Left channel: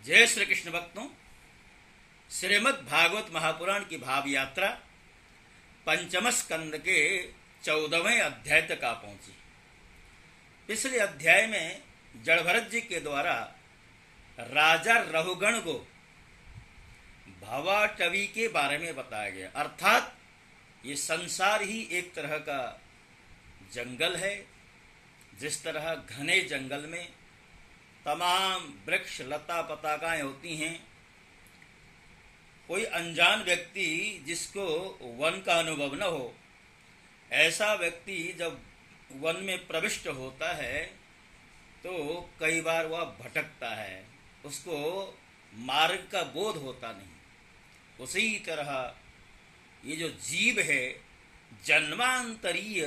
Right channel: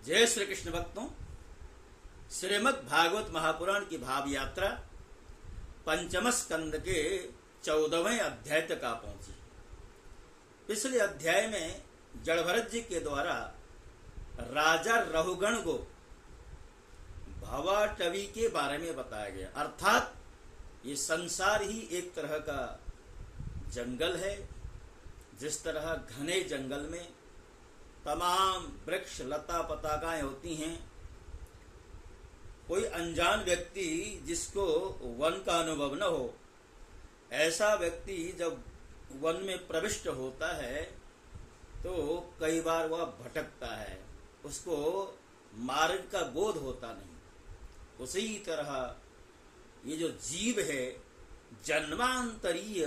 जय श्री कृष्ण भक्तों, श्रीमद् भागवत महापुराण की भाव यात्रा पंचम स्कंद के 14वें अध्याय तक आ पहुंची। पिछले अध्याय में जड़भरत जी के द्वारा राजा रहुगण को भवाटवी के बारे में बताया गया, अर्थात ये संसार ही एक तरह का जंगल है। जिस तरह घने जंगल में तमाम वृक्ष लता पताकाएं होती हैं, कोई अनजान व्यक्ति जिसको वन का अनुभव न हो, ऐसा व्यक्ति जब वन में प्रविष्ट होता है तो कई बार वह भटकता है, उसको मार्ग का बोध होता नहीं। उसी तरह ये जो जीव है, जन्मांतरीय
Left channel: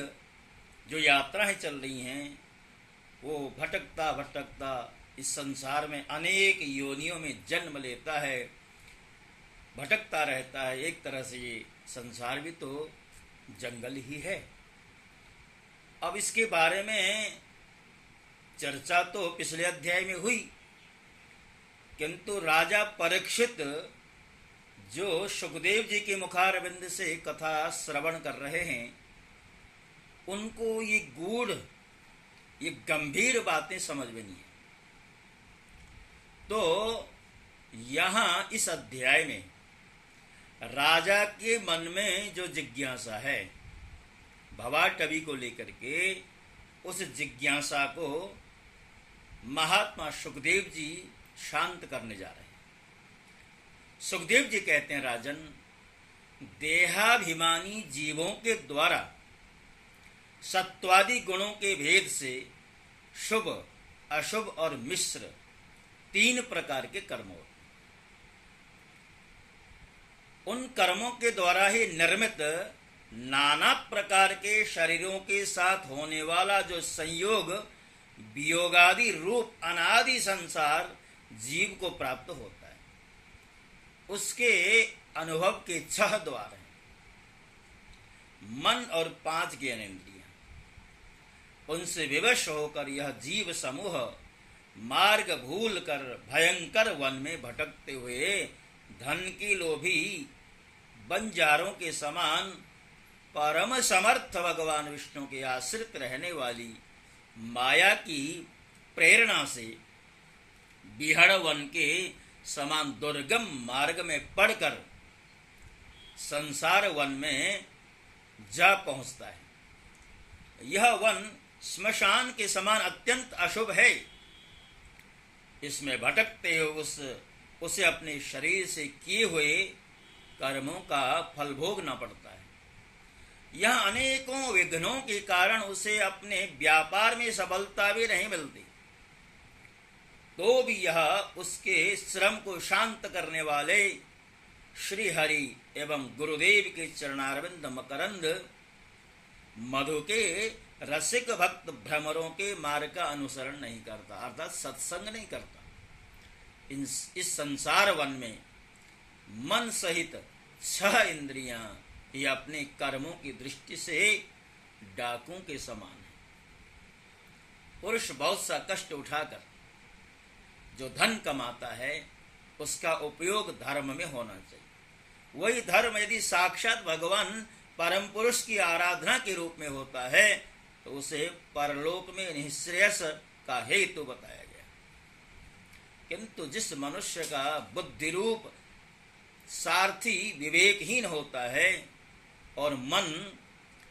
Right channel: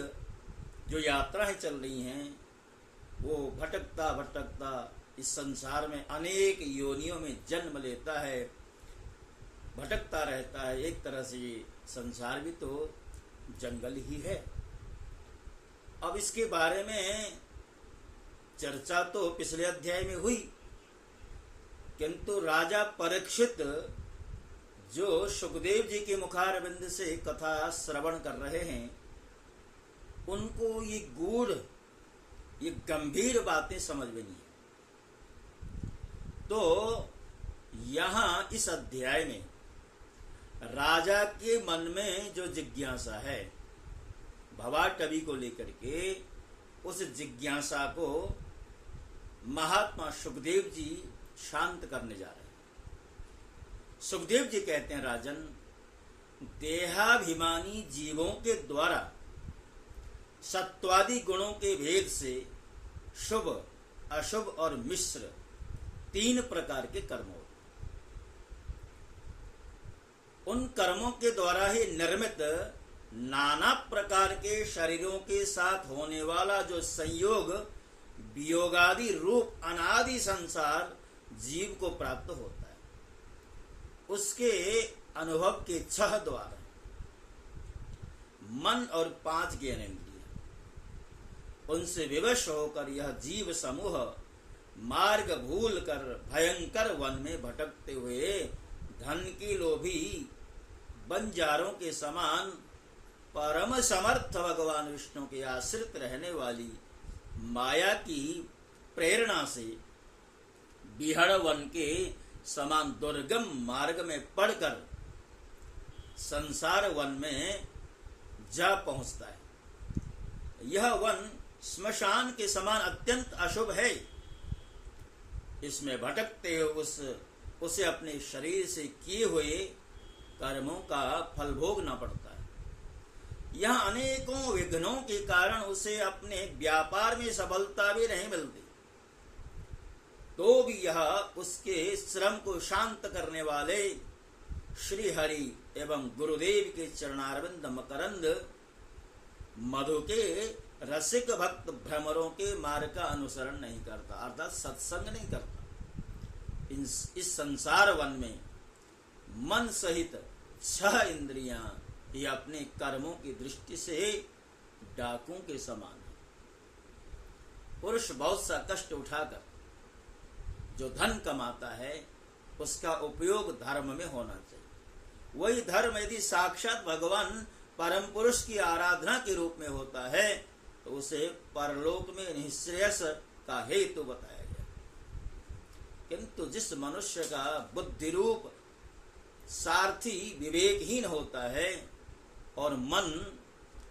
जो यात्राएं चल रही हैं, वो भटकता भटकता इस संसार में अनेक योनियों में जन्म लेता है, भटकता रहता है। एक तरह से ये संसार भी तो जंगल ही है। अब इसके बारे में चर्चा तो पिछले अध्याय में हुई, किंतु राजा परीक्षित जो सुखदेव जी के मुखारविंद से कथा श्रवण कर रहे हैं, उनको ये गूढ़, ये गंभीर बातें समझ में नहीं है। तो यहां इस अध्याय में राजा के मन में जो जिज्ञासा है भवाटवी को लेकर के, उस जिज्ञासा को महात्मा सुखदेव जी शांत करने जा रहे हैं। सुखदेव जी कहते हैं, राजन, देहाभिमानी जीवों के द्वारा सत्वादि गुणों के भेद से शुभ, अशुभ और मिश्र 3 प्रकार के कर्म होते हैं। उन कर्मों के द्वारा ही निर्मित नाना प्रकार के शरीरों के साथ होने वाला जो संयोग, वियोगादि रूप अनादि संसार जीव को प्राप्त होता है, उसके अनुभव के 6 द्वार हैं। मन और 5 ज्ञानेंद्रिय, उनसे विवश होकर यह जीव समूह मार्ग भूल कर भयंकर वन में भटकते हुए धन की लोभी बंजारों के समान परम समर्थ भगवान विष्णु के आश्रित रहने वाली माया की प्रेरणा से बिहड़ वन के समान दुर्गम मार्ग में पड़कर संसार वन में जा पहुंचता है। यह वन श्मशान के समान अत्यंत अशुभ है। इसमें भटकते हुए उसे अपने शरीर से किए हुए कर्मों का फल भोगना पड़ता है। यह अनेकों विघ्नों के कारण उसे अपने व्यापार में सफलता भी नहीं मिलती, तो भी यह उसके श्रम को शांत करने वाले श्री हरि एवं गुरुदेव के चरणारविंद मकरंद मधु के रसिक भक्त भ्रमरों के मार्ग का अनुसरण नहीं करता, अर्थात सत्संग नहीं करता। इस संसार वन में मन सहित 6 इंद्रियां ये अपने कर्मों की दृष्टि से डाकुओं के समान है। पुरुष बहुत सा कष्ट उठाकर जो धन कमाता है, उसका उपयोग धर्म में होना चाहिए। वही धर्म यदि साक्षात भगवान परम पुरुष की आराधना के रूप में होता है, तो उसे परलोक में निःश्रेयस का हेतु बताया गया। किंतु जिस मनुष्य का बुद्धि रूप सारथी विवेकहीन होता है और मन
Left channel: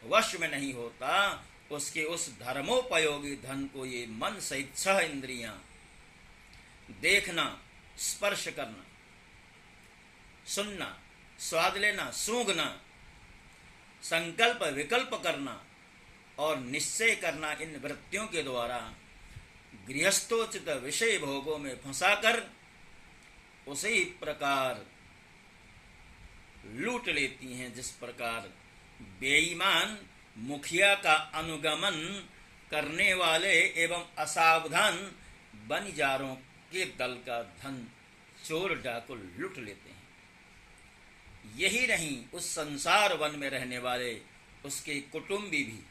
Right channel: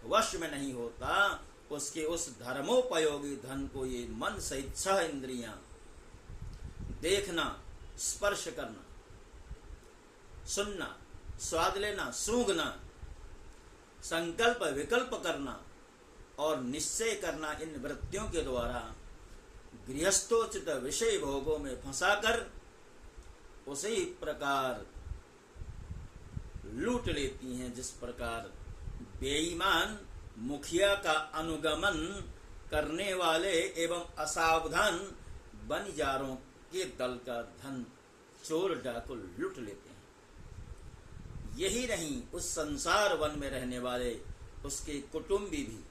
वश में नहीं होता, उसके उस धर्मोपयोगी धन को ये मन सहित 6 इंद्रियां देखना, स्पर्श करना, सुनना, स्वाद लेना, सूंघना, संकल्प विकल्प करना और निश्चय करना, इन वृत्तियों के द्वारा गृहस्थोचित विषय भोगों में फंसाकर उसी प्रकार लूट लेती हैं जिस प्रकार बेईमान मुखिया का अनुगमन करने वाले एवं असावधान बनिजारों के दल का धन चोर डाकू लूट लेते हैं। यही नहीं, उस संसार वन में रहने वाले उसके कुटुंबी भी,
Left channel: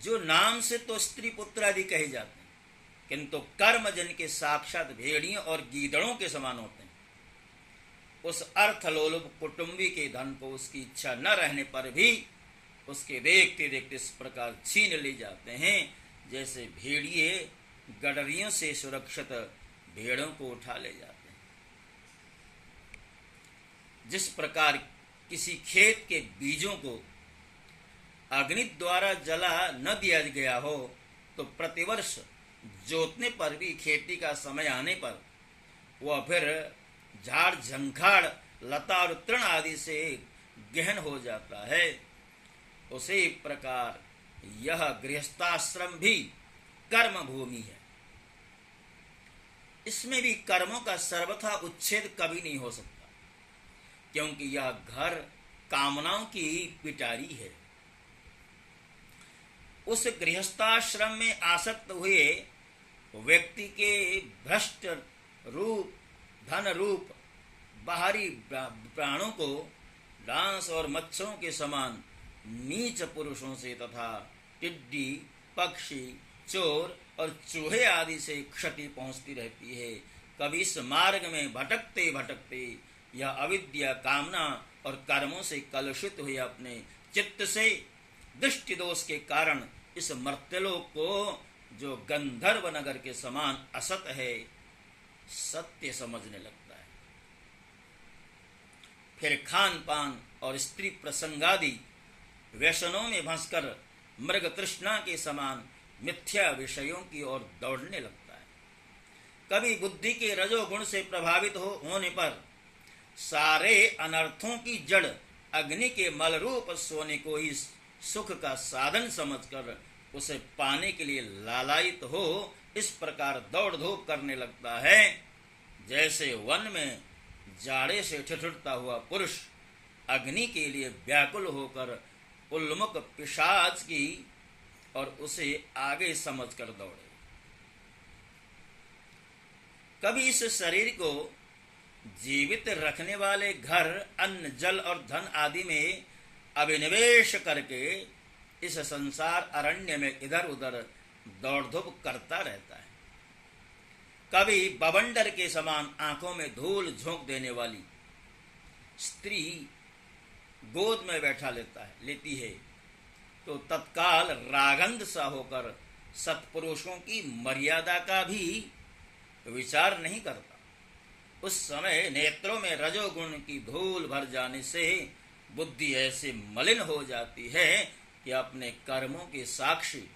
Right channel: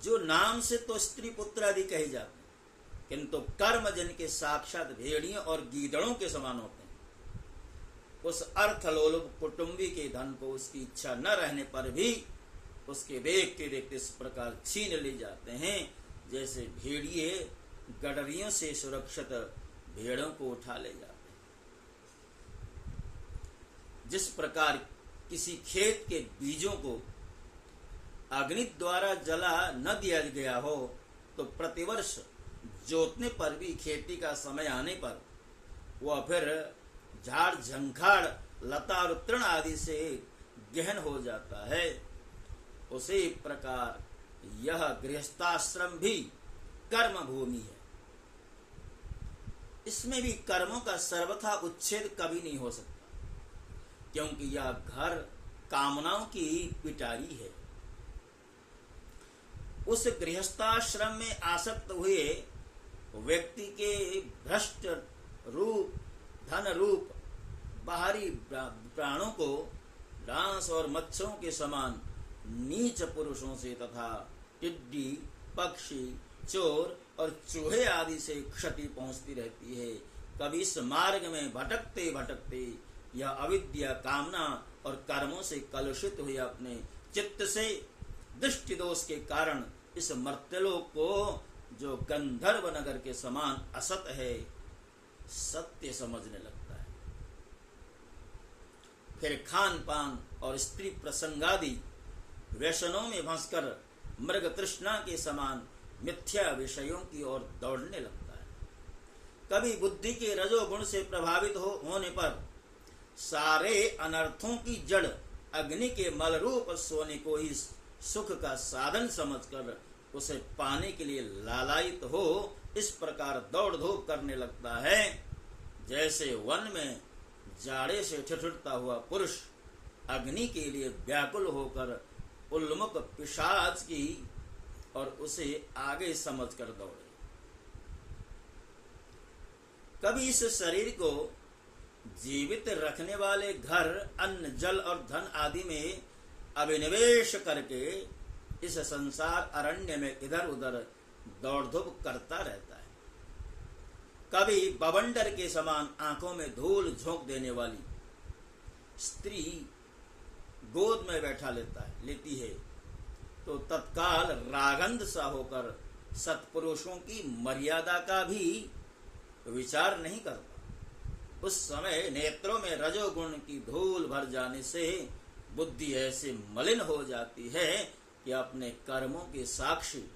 जो नाम से तो स्त्री पुत्र आदि कहे जाते हैं, किंतु कर्म जिनके साक्षात भेड़ियों और गीदड़ों के समान होते हैं, उस अर्थलोलुप कुटुंबी के धन को उसकी इच्छा न रहने पर भी उसके देखते देखते इस प्रकार छीन ले जाते हैं जैसे भेड़िए गडरियों से सुरक्षित भेड़ों को उठा ले जाते हैं। जिस प्रकार किसी खेत के बीजों को अग्नि द्वारा जला न दिया गया हो तो प्रतिवर्ष जोतने पर भी खेती का समय आने पर वह फिर झाड़ झंखाड़ लता और तृण आदि से गहन हो जाता है, उसी प्रकार यह गृहस्थाश्रम भी कर्म भूमि है। इसमें भी कर्मों का सर्वथा उच्छेद कभी नहीं हो सकता, क्योंकि यह घर कामनाओं की पिटारी है। उस गृहस्थाश्रम में आसक्त हुए व्यक्ति के भ्रष्ट रूप, धन रूप बाहरी प्राणों को डांस और मच्छरों के समान नीच पुरुषों से तथा टिड्डी, पक्षी, चोर और चूहे आदि से क्षति पहुंचती रहती है। कभी इस मार्ग में भटकते भटकते यह अविद्या, कामना और कर्मों से कलुषित हुए अपने चित्त से दृष्टि दोष के कारण इस मर्त्यलोक को, जो गंधर्व नगर के समान असत है, सत्य समझने लगता है। फिर खान पान और स्त्री प्रसंगादि व्यसनों में फंसकर मृग तृष्णा के समान मिथ्या विषयों की ओर दौड़ने लगता है। कभी बुद्धि के रजोगुण से प्रभावित होने पर सारे अनर्थों की जड़ अग्नि के मल रूप सोने को ही सुख का साधन समझकर उसे पाने के लिए लालायित हो इस प्रकार दौड़ धूप करने लगता है, जैसे वन में जाड़े से ठिठुरता हुआ पुरुष अग्नि के लिए व्याकुल होकर उन्मुख पिशाच की और उसे आगे समझकर दौड़े। कभी इस शरीर को जीवित रखने वाले घर, अन्न, जल और धन आदि में अभिनिवेश करके इस संसार अरण्य में इधर उधर दौड़ धूप करता रहता है। कभी बवंडर के समान आंखों में धूल झोंक देने वाली स्त्री गोद में बैठा लेती है तो तत्काल रागंध सा होकर सत्पुरुषों की मर्यादा का भी विचार नहीं करता। उस समय नेत्रों में रजोगुण की धूल भर जाने से बुद्धि ऐसे मलिन हो जाती है कि अपने कर्मों के साक्षी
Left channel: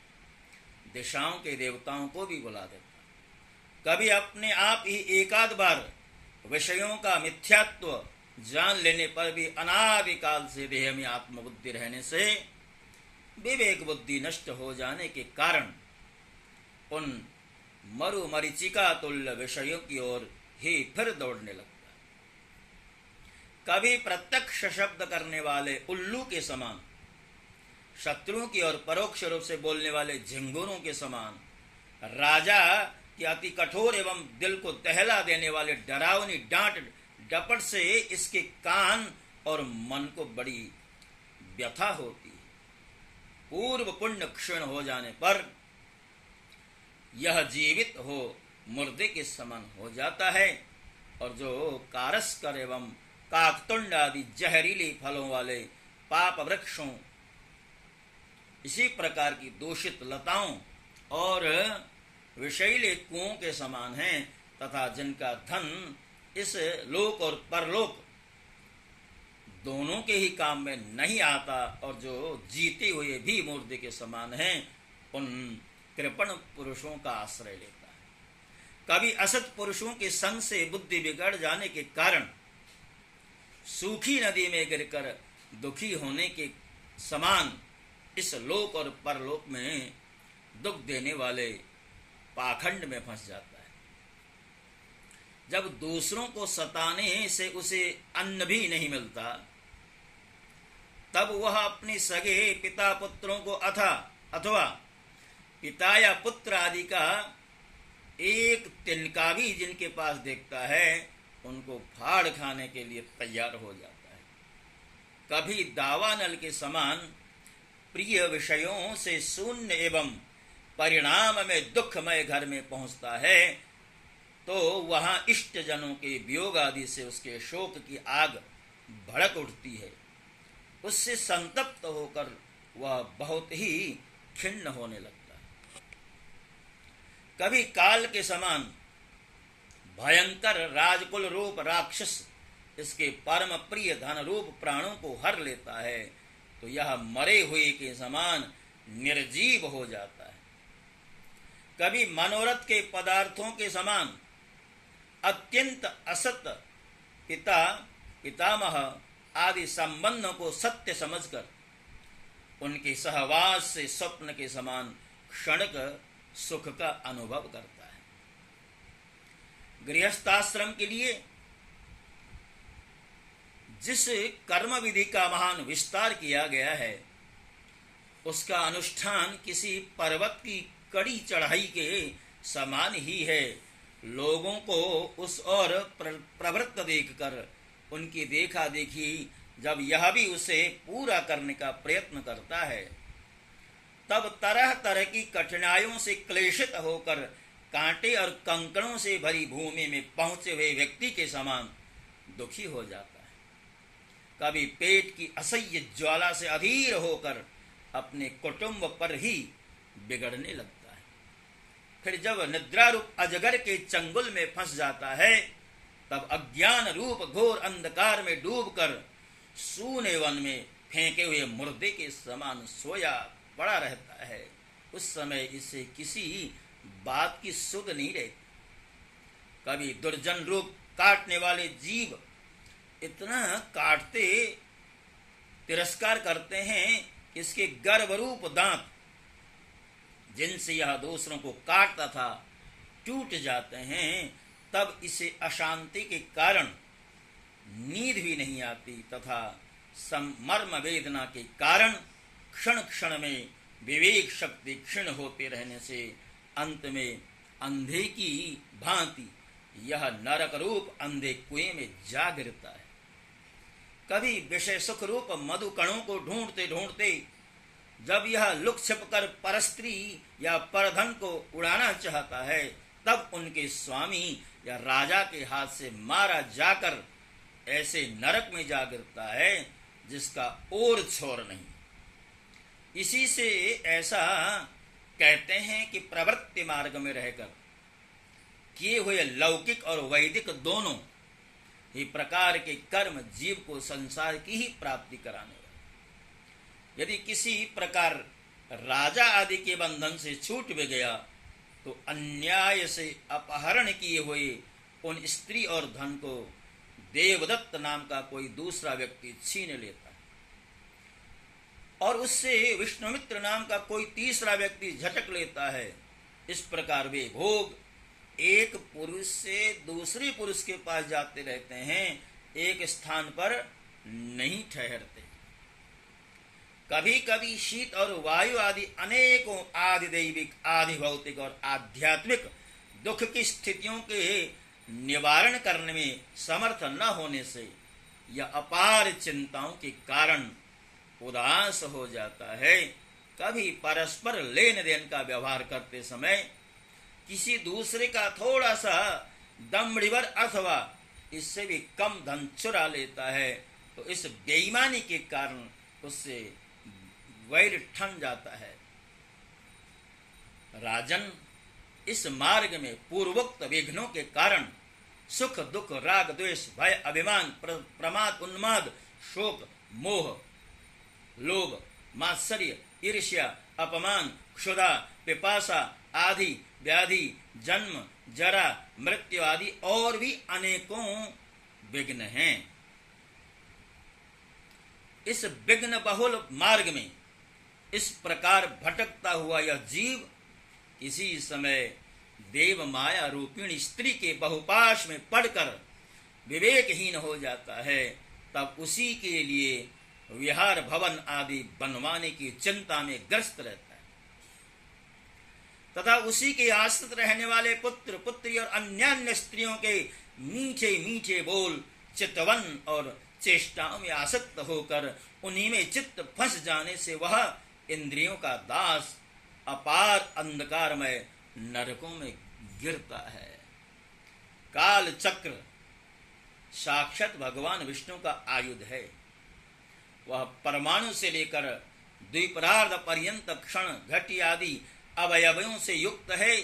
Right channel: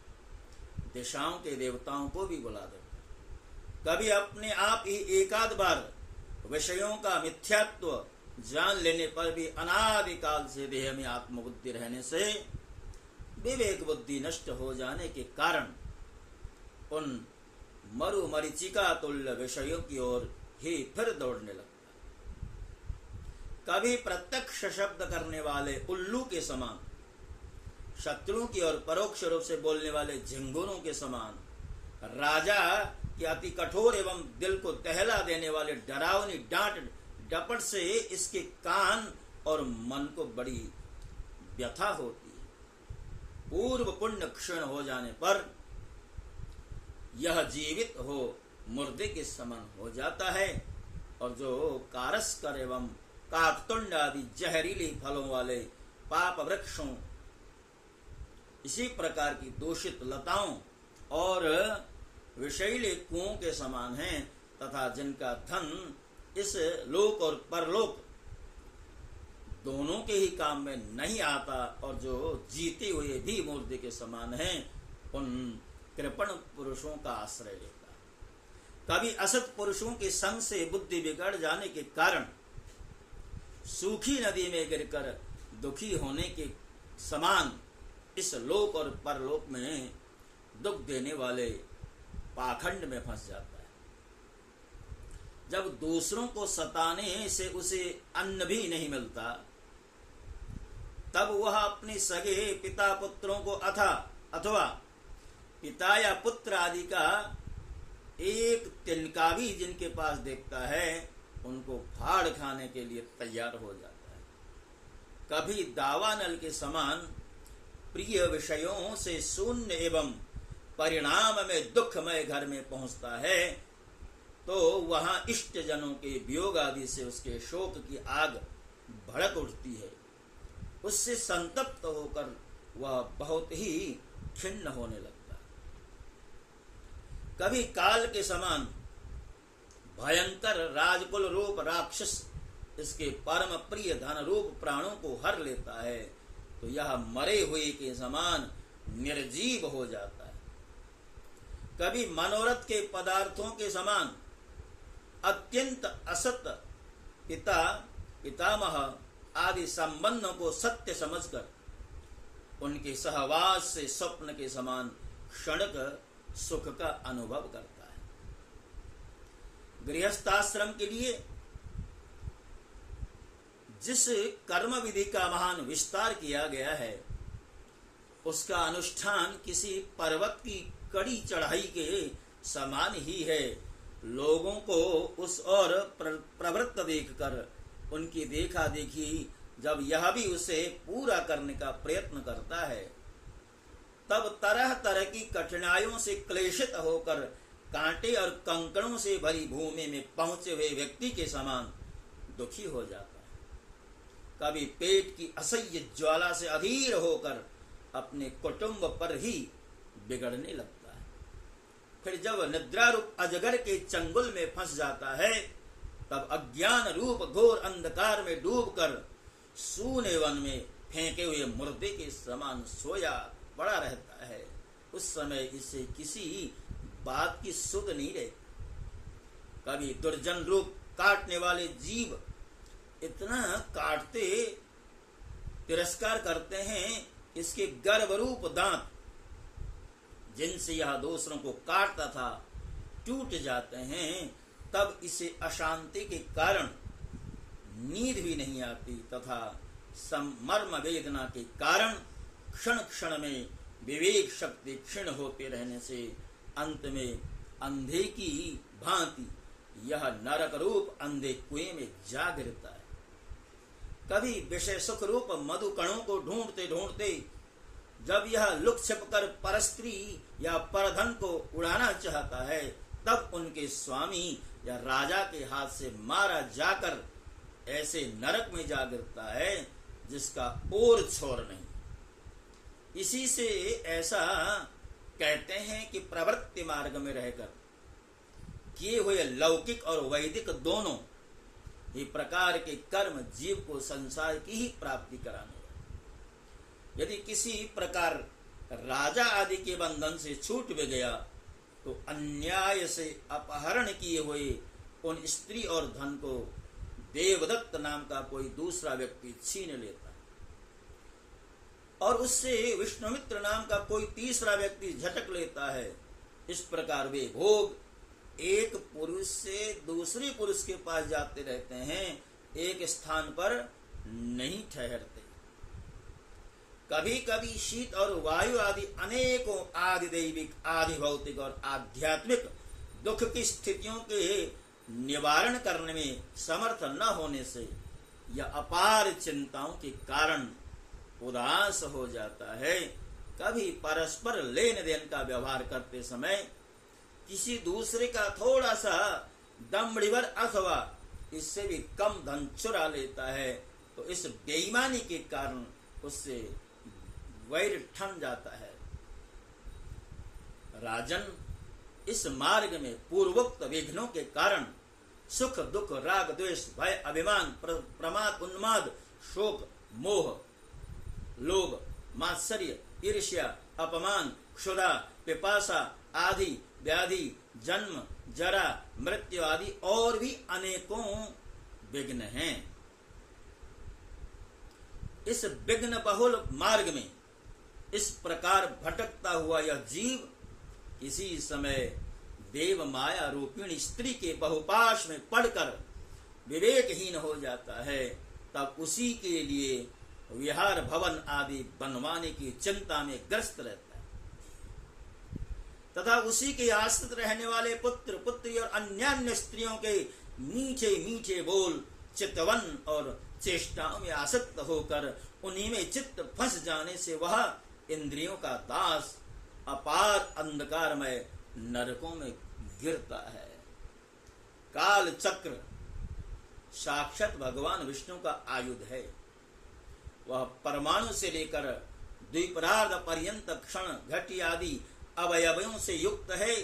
दिशाओं के देवताओं को भी बुला देता। कभी अपने आप ही एकाध बार विषयों का मिथ्यात्व जान लेने पर भी अनादिकाल से देह में आत्मबुद्धि रहने से विवेक बुद्धि नष्ट हो जाने के कारण उन मरु मरीचिका तुल्य विषयों की ओर ही फिर दौड़ने लगता है। कभी प्रत्यक्ष शब्द करने वाले उल्लू के समान, शत्रुओं की ओर परोक्ष रूप से बोलने वाले झिंगुरों के समान, राजा के अति कठोर एवं दिल को दहला देने वाले डरावनी डांट डपट से इसके कान और मन को बड़ी व्यथा होती है। पूर्व पुण्य क्षीण हो जाने पर यह जीवित हो मुर्दे के समान हो जाता है और जो कारस्कर एवं काकतुंड आदि जहरीली फलों वाले पाप वृक्षों, इसी प्रकार की दूषित लताओं और विषैले कुओं के समान हैं तथा जिनका धन इस लोक और परलोक दोनों के ही काम में नहीं आता और जो जीते हुए भी मुर्दे के समान हैं, उन कृपण पुरुषों का आश्रय लेता है। कभी असत पुरुषों के संग से बुद्धि बिगड़ जाने के कारण सूखी नदी में गिरकर दुखी होने के समान इस लोक और परलोक में दुख देने वाले पाखंड में फंस जाता है। जब दूसरों को सताने से उसे अन्न भी नहीं मिलता, तब वह अपने सगे पिता पुत्रों को अथवा पिता या पुत्र आदि का एक तिनका भी जिनके पास देखता है, उनको फाड़ खाने के लिए तैयार हो जाता है। कभी दावानल के समान प्रिय विषयों से शून्य एवं परिणाम में दुखमय घर में पहुंचता है तो वहां इष्ट जनों के वियोग आदि से उसके शोक की आग भड़क उठती है। उससे संतप्त होकर वह बहुत ही खिन्न होने लगता है। कभी काल के समान भयंकर राजकुल रूप राक्षस इसके परम प्रिय धन रूप प्राणों को हर लेता है तो यह मरे हुए के समान निर्जीव हो जाता है। कभी मनोरथ के पदार्थों के समान अत्यंत असत पिता पितामह आदि संबंधों को सत्य समझकर उनके सहवास से स्वप्न के समान क्षणिक सुख का अनुभव करता है। गृहस्थाश्रम के लिए जिस कर्म विधि का महान विस्तार किया गया है उसका अनुष्ठान किसी पर्वत की कड़ी चढ़ाई के समान ही है। लोगों को उस ओर प्रवृत्त देखकर उनकी देखा देखी जब यह भी उसे पूरा करने का प्रयत्न करता है तब तरह तरह की कठिनाइयों से क्लेशित होकर कांटे और कंकड़ों से भरी भूमि में पहुंचे हुए व्यक्ति के समान दुखी हो जाता है। कभी पेट की असह्य ज्वाला से अधीर होकर अपने कुटुंब पर ही बिगड़ने लगता है। फिर जब निद्रा रूप अजगर के चंगुल में फंस जाता है तब अज्ञान रूप घोर अंधकार में डूबकर सूने वन में फेंके हुए मुर्दे के समान सोया पड़ा रहता है। उस समय इसे किसी बात की सुध नहीं रहती। कभी दुर्जन रूप काटने वाले जीव इतना काटते तिरस्कार करते हैं इसके गर्भरूप दांत जिनसे यह दूसरों को काटता था टूट जाते हैं। तब इसे अशांति के कारण नींद भी नहीं आती तथा मर्म वेदना के कारण क्षण क्षण में विवेक शक्ति क्षीण होते रहने से अंत में अंधे की भांति यह नरक रूप अंधे कुएं में जा गिरता है। कभी विषय सुख रूप मधु कणों को ढूंढते ढूंढते जब यह लुक छिप कर परस्त्री या परधन को उड़ाना चाहता है तब उनके स्वामी या राजा के हाथ से मारा जाकर ऐसे नरक में जा गिरता है जिसका और छोर नहीं। इसी से ऐसा कहते हैं कि प्रवृत्ति मार्ग में रहकर किए हुए लौकिक और वैदिक दोनों ही प्रकार के कर्म जीव को संसार की ही प्राप्ति कराने वाले। यदि किसी प्रकार राजा आदि के बंधन से छूट भी गया तो अन्याय से अपहरण किए हुए उन स्त्री और धन को देवदत्त नाम का कोई दूसरा व्यक्ति छीन लेता है और उससे विष्णुमित्र नाम का कोई तीसरा व्यक्ति झटक लेता है। इस प्रकार वे भोग एक पुरुष से दूसरे पुरुष के पास जाते रहते हैं, एक स्थान पर नहीं ठहरते। कभी कभी शीत और वायु आदि अनेकों आदि दैविक आदि भौतिक और आध्यात्मिक दुख की स्थितियों के निवारण करने में समर्थ न होने से या अपार चिंताओं के कारण उदास हो जाता है। कभी परस्पर लेन देन का व्यवहार करते समय किसी दूसरे का थोड़ा सा दमड़ीवर अथवा इससे भी कम धन चुरा लेता है तो इस बेईमानी के कारण उससे वैर ठन जाता है। राजन, इस मार्ग में पूर्वोक्त विघ्नों के कारण सुख दुख राग द्वेष भय अभिमान प्रमाद उन्माद शोक मोह लोभ मात्सर्य ईर्ष्या अपमान क्षुधा पिपासा आदि व्याधि जन्म जरा मृत्यु आदि और भी अनेकों विघ्न हैं। इस विघ्न बहुल मार्ग में इस प्रकार भटकता हुआ यह जीव किसी समय देव माया रूपिणी स्त्री के बहुपाश में पड़कर विवेकहीन हो जाता है। तब उसी के लिए विहार भवन आदि बनवाने की चिंता में ग्रस्त रहता है तथा उसी के आश्रित रहने वाले पुत्र पुत्री और अन्य स्त्रियों के मीठे मीठे बोल चितवन और चेष्टाओं में आसक्त होकर उन्हीं में चित्त फंस जाने से वह इंद्रियों का दास अपार अंधकारमय नरकों में गिरता है। काल चक्र साक्षात भगवान विष्णु का आयुध है। वह परमाणु से लेकर द्विपरार्ध पर्यंत क्षण घटी आदि अवयवों से युक्त है।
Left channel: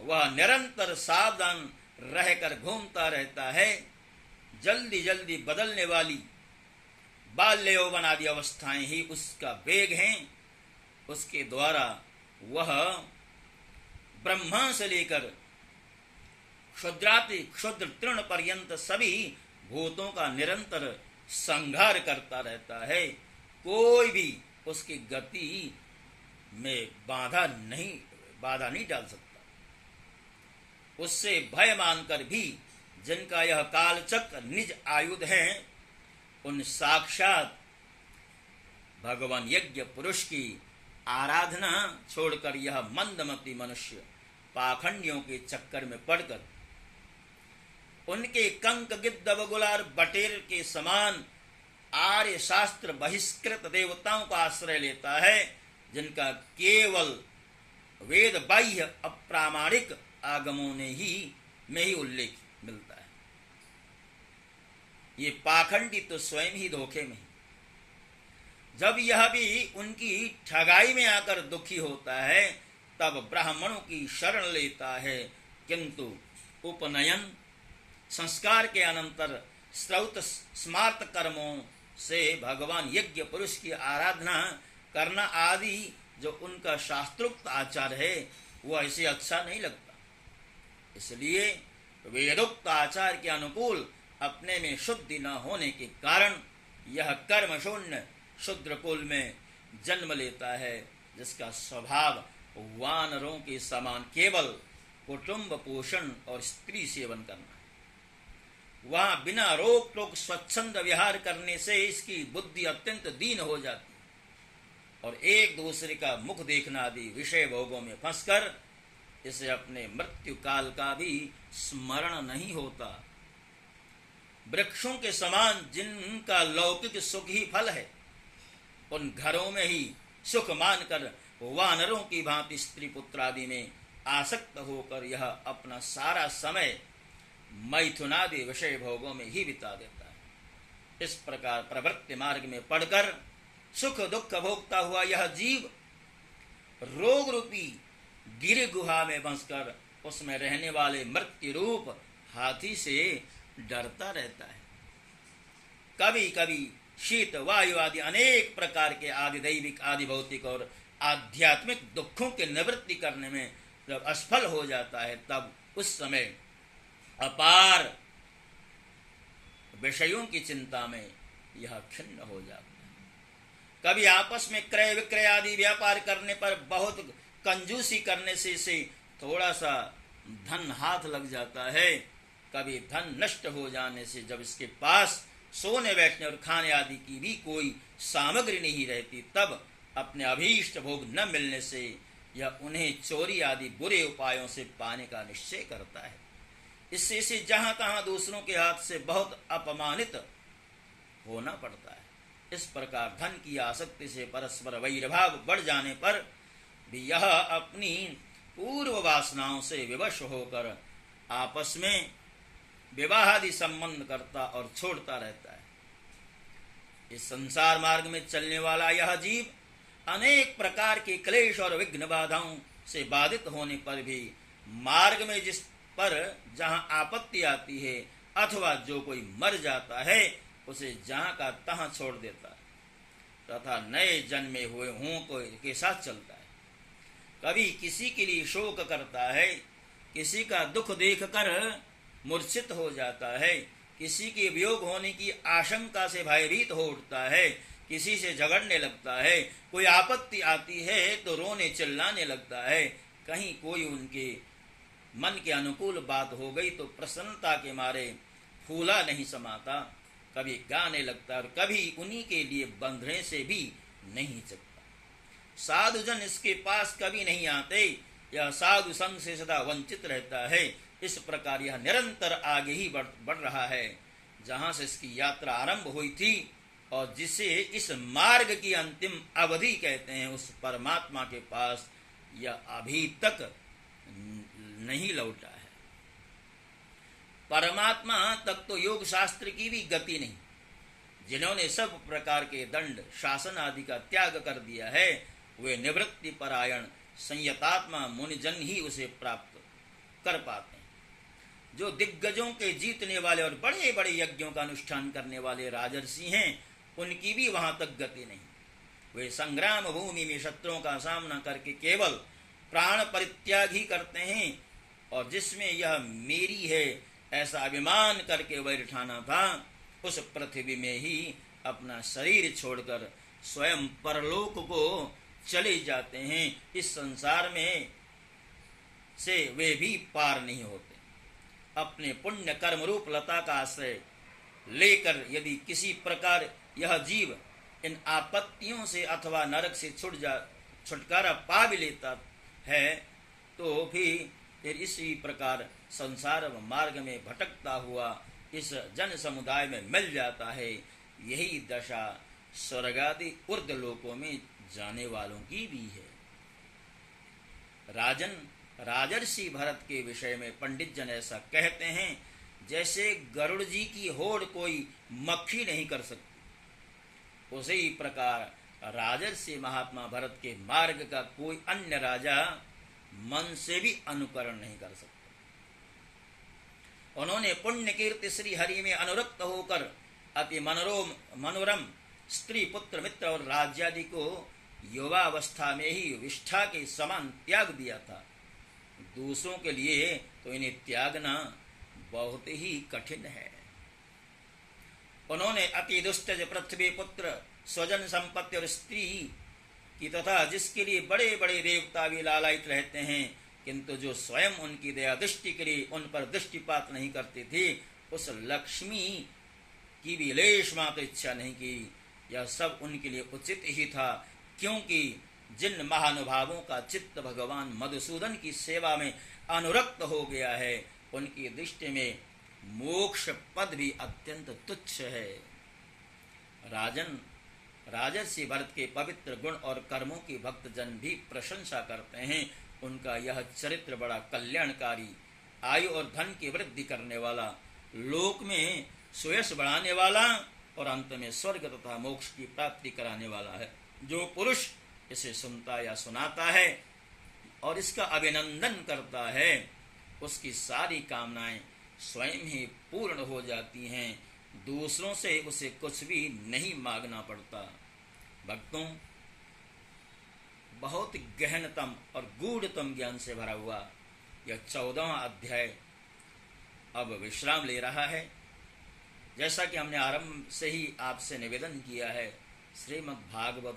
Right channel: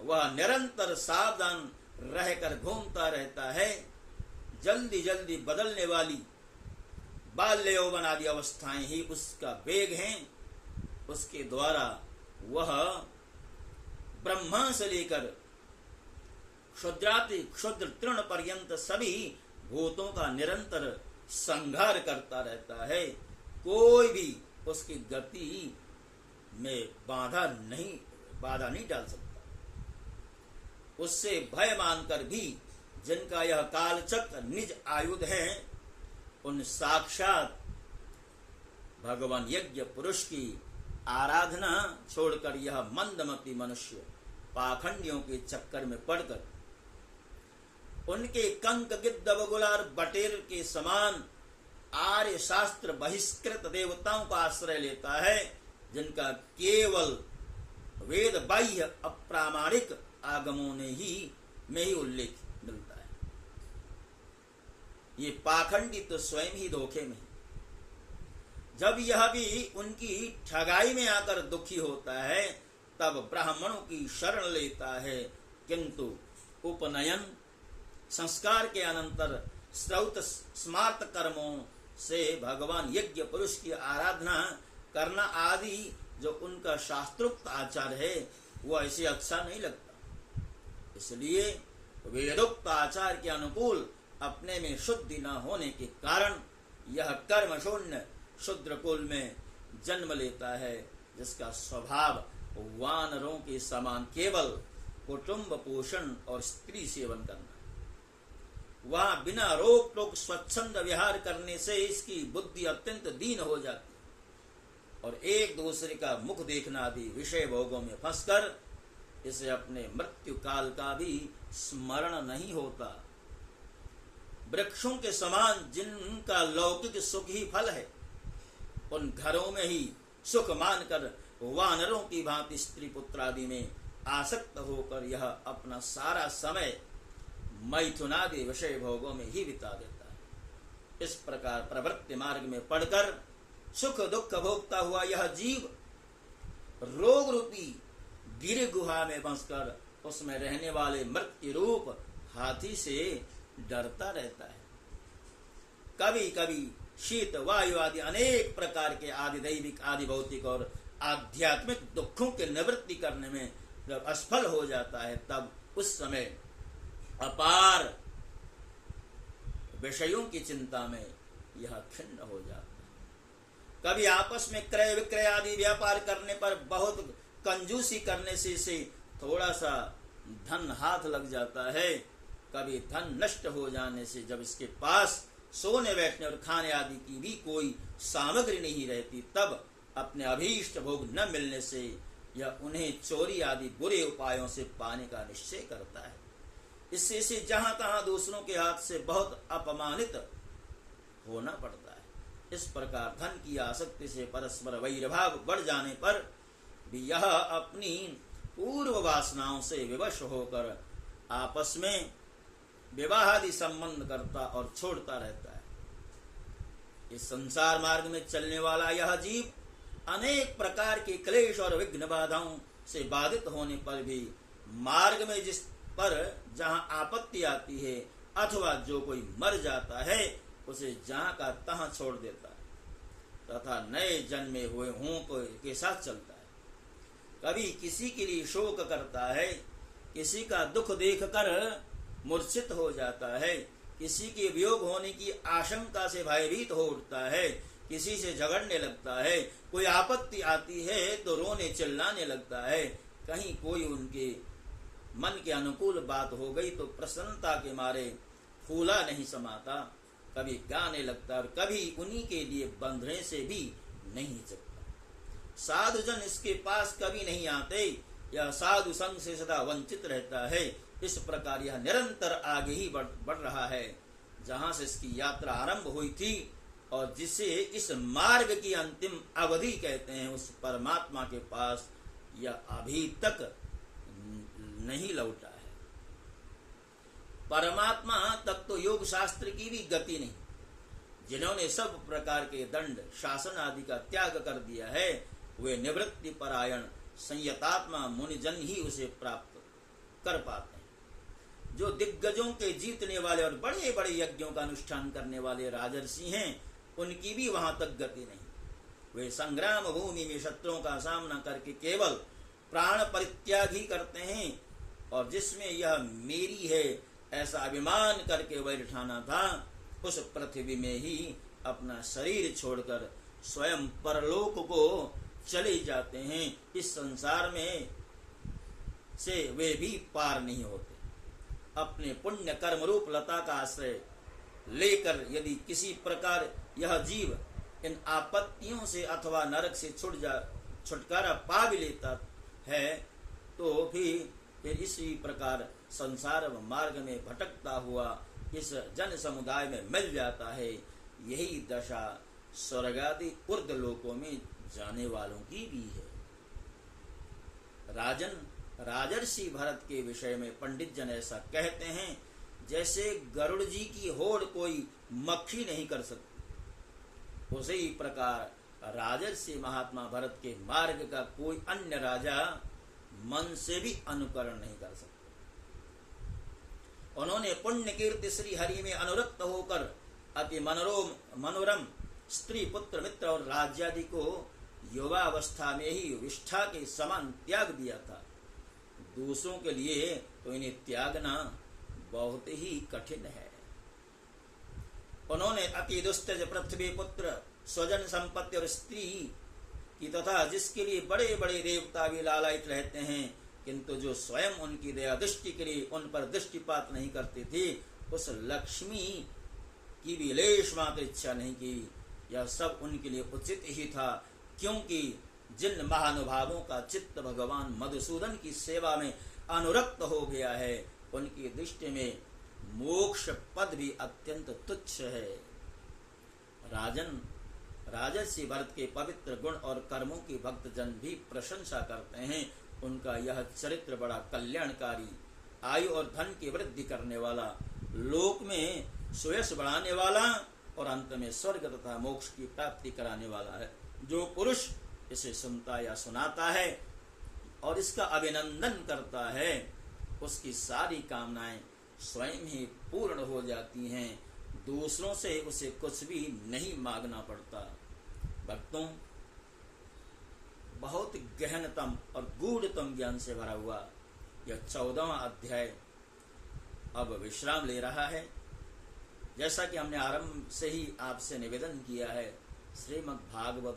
वह निरंतर सावधान रहकर घूमता रहता है। जल्दी जल्दी बदलने वाली बाल्य यौवन आदि अवस्थाएं ही उसका वेग हैं। उसके द्वारा वह ब्रह्मा से लेकर क्षुद्राति क्षुद्र तृण पर्यंत सभी भूतों का निरंतर संहार करता रहता है। कोई भी उसकी गति में बाधा नहीं डाल सकता। उससे भय मानकर भी जिनका यह कालचक्र निज आयुध है, उन साक्षात भगवान यज्ञ पुरुष की आराधना छोड़कर यह मंदमती मनुष्य पाखंडियों के चक्कर में पड़कर उनके कंक गिद्ध बगुलार बटेर के समान आर्य शास्त्र बहिष्कृत देवताओं का आश्रय लेता है, जिनका केवल वेद बाह्य अप्रामाणिक आगमों में ही उल्लेख मिलता है। ये पाखंडी तो स्वयं ही धोखे में। जब यह भी उनकी ठगाई में आकर दुखी होता है, तब ब्राह्मणों की शरण लेता है, किंतु उपनयन संस्कार के अनंतर श्रौत स्मार्त कर्मों से भगवान यज्ञ पुरुष की आराधना करना आदि जो उनका शास्त्रोक्त आचार है, वो ऐसे अच्छा नहीं लगता। इसलिए वेदोक्त आचार के अनुकूल अपने में शुद्धि न होने के कारण यह कर्म शून्य शूद्र कुल में जन्म लेता है, जिसका स्वभाव वानरों के समान केवल कुटुंब पोषण और स्त्री सेवन करना है। वहां बिना रोक टोक स्वच्छंद विहार करने से इसकी बुद्धि अत्यंत दीन हो जाती है और एक दूसरे का मुख देखना आदि विषय भोगों में फंसकर इसे अपने मृत्यु काल का भी स्मरण नहीं होता। वृक्षों के समान जिनका लौकिक सुख ही फल है, उन घरों में ही सुख मानकर वानरों की भांति स्त्री पुत्र आदि में आसक्त होकर यह अपना सारा समय मैथुनादि विषय भोगों में ही बिता देता है। इस प्रकार प्रवृत्ति मार्ग में पड़कर सुख दुख भोगता हुआ यह जीव रोग रूपी गिर गुहा में बंसकर उसमें रहने वाले मृत्यु रूप हाथी से डरता रहता है। कभी कभी शीत वायु आदि अनेक प्रकार के आदि दैविक आदि भौतिक और आध्यात्मिक दुखों के निवृत्ति करने में जब असफल हो जाता है, तब उस समय अपार विषयों की चिंता में यह खिन्न हो जाता है। कभी आपस में क्रय विक्रय आदि व्यापार करने पर बहुत कंजूसी करने से इसे थोड़ा सा धन हाथ लग जाता है। कभी धन नष्ट हो जाने से जब इसके पास सोने बैठने और खाने आदि की भी कोई सामग्री नहीं रहती, तब अपने अभीष्ट भोग न मिलने से यह उन्हें चोरी आदि बुरे उपायों से पाने का निश्चय करता है। इससे इसे जहां तहां दूसरों के हाथ से बहुत अपमानित होना पड़ता है। इस प्रकार धन की आसक्ति से परस्पर वैरभाव बढ़ जाने पर भी यह अपनी पूर्व वासनाओं से विवश होकर आपस में विवाहादि संबंध करता और छोड़ता रहता है। इस संसार मार्ग में चलने वाला यह जीव अनेक प्रकार के क्लेश और विघ्न बाधाओं से बाधित होने पर भी मार्ग में जिस पर जहां आपत्ति आती है अथवा जो कोई मर जाता है, उसे जहां का तहां छोड़ देता है तथा नए जन्मे हुए हों के साथ चलता है। कभी किसी के लिए शोक करता है, किसी का दुख देखकर मूर्छित हो जाता है, किसी के वियोग होने की आशंका से भयभीत हो उठता है, किसी से झगड़ने लगता है, कोई आपत्ति आती है तो रोने चिल्लाने लगता है, कहीं कोई उनके मन के अनुकूल बात हो गई तो प्रसन्नता के मारे फूला नहीं समाता, कभी गाने लगता और कभी उन्हीं के लिए बंधने से भी नहीं सकता। साधुजन इसके पास कभी नहीं आते, यह साधु संग से सदा वंचित रहता है। इस प्रकार यह निरंतर आगे ही बढ़ रहा है। जहां से इसकी यात्रा आरंभ हुई थी और जिसे इस मार्ग की अंतिम अवधि कहते हैं, उस परमात्मा के पास यह अभी तक नहीं लौटा है। परमात्मा तक तो योग शास्त्र की भी गति नहीं। जिन्होंने सब प्रकार के दंड शासन आदि का त्याग कर दिया है, वे निवृत्ति परायण संयतात्मा मुनिजन ही उसे प्राप्त कर पाते हैं। जो दिग्गजों के जीतने वाले और बड़े बड़े यज्ञों का अनुष्ठान करने वाले राजर्षि हैं, उनकी भी वहां तक गति नहीं। वे संग्राम भूमि में शत्रुओं का सामना करके केवल प्राण परित्याग ही करते हैं, और जिसमें यह मेरी है ऐसा अभिमान करके बैठाना था, उस पृथ्वी में ही अपना शरीर छोड़कर स्वयं परलोक को चले जाते हैं। इस संसार में से वे भी पार नहीं होते। अपने पुण्य कर्म रूप लता का आश्रय लेकर यदि किसी प्रकार यह जीव इन आपत्तियों से अथवा नरक से छुटकारा पा भी लेता है, तो फिर इसी प्रकार संसार मार्ग में भटकता हुआ इस जन समुदाय में मिल जाता है। यही दशा स्वर्गादि ऊर्ध लोकों में जाने वालों की भी है। राजन, राजर्षि भरत के विषय में पंडित जन ऐसा कहते हैं, जैसे गरुड़ जी की होड़ कोई मक्खी नहीं कर सकती, उसी प्रकार राजर्षि महात्मा भरत के मार्ग का कोई अन्य राजा मन से भी अनुकरण नहीं कर सकता। उन्होंने पुण्य कीर्ति श्री हरि में अनुरक्त होकर अति मनोरम स्त्री पुत्र मित्र और राज्यादि को युवावस्था में ही विष्ठा के समान त्याग दिया था। दूसरों के लिए तो इन्हें त्यागना बहुत ही कठिन है। उन्होंने अति दुष्टज पृथ्वी पुत्र स्वजन संपत्ति और स्त्री की तथा जिसके लिए बड़े बड़े देवता भी लालायित रहते हैं, किंतु जो स्वयं उनकी दया दृष्टि के लिए उन पर दृष्टिपात नहीं करते थे, उस लक्ष्मी की भी लेश मात्र इच्छा नहीं की। यह सब उनके लिए उचित ही था, क्योंकि जिन महानुभावों का चित्त भगवान मधुसूदन की सेवा में अनुरक्त हो गया है, उनकी दृष्टि में मोक्ष पद भी अत्यंत तुच्छ है। राजन, राजर्षि भरत के पवित्र गुण और कर्मों की भक्तजन भी प्रशंसा करते हैं। उनका यह चरित्र बड़ा कल्याणकारी, आयु और धन की वृद्धि करने वाला, लोक में सुयश बढ़ाने वाला और अंत में स्वर्ग तथा मोक्ष की प्राप्ति कराने वाला है। जो पुरुष इसे सुनता या सुनाता है और इसका अभिनंदन करता है, उसकी सारी कामनाएं स्वयं ही पूर्ण हो जाती हैं। दूसरों से उसे कुछ भी नहीं मांगना पड़ता। भक्तों, बहुत गहनतम और गूढ़तम ज्ञान से भरा हुआ यह 14वां अध्याय अब विश्राम ले रहा है। जैसा कि हमने आरंभ से ही आपसे निवेदन किया है, श्रीमद् भागवत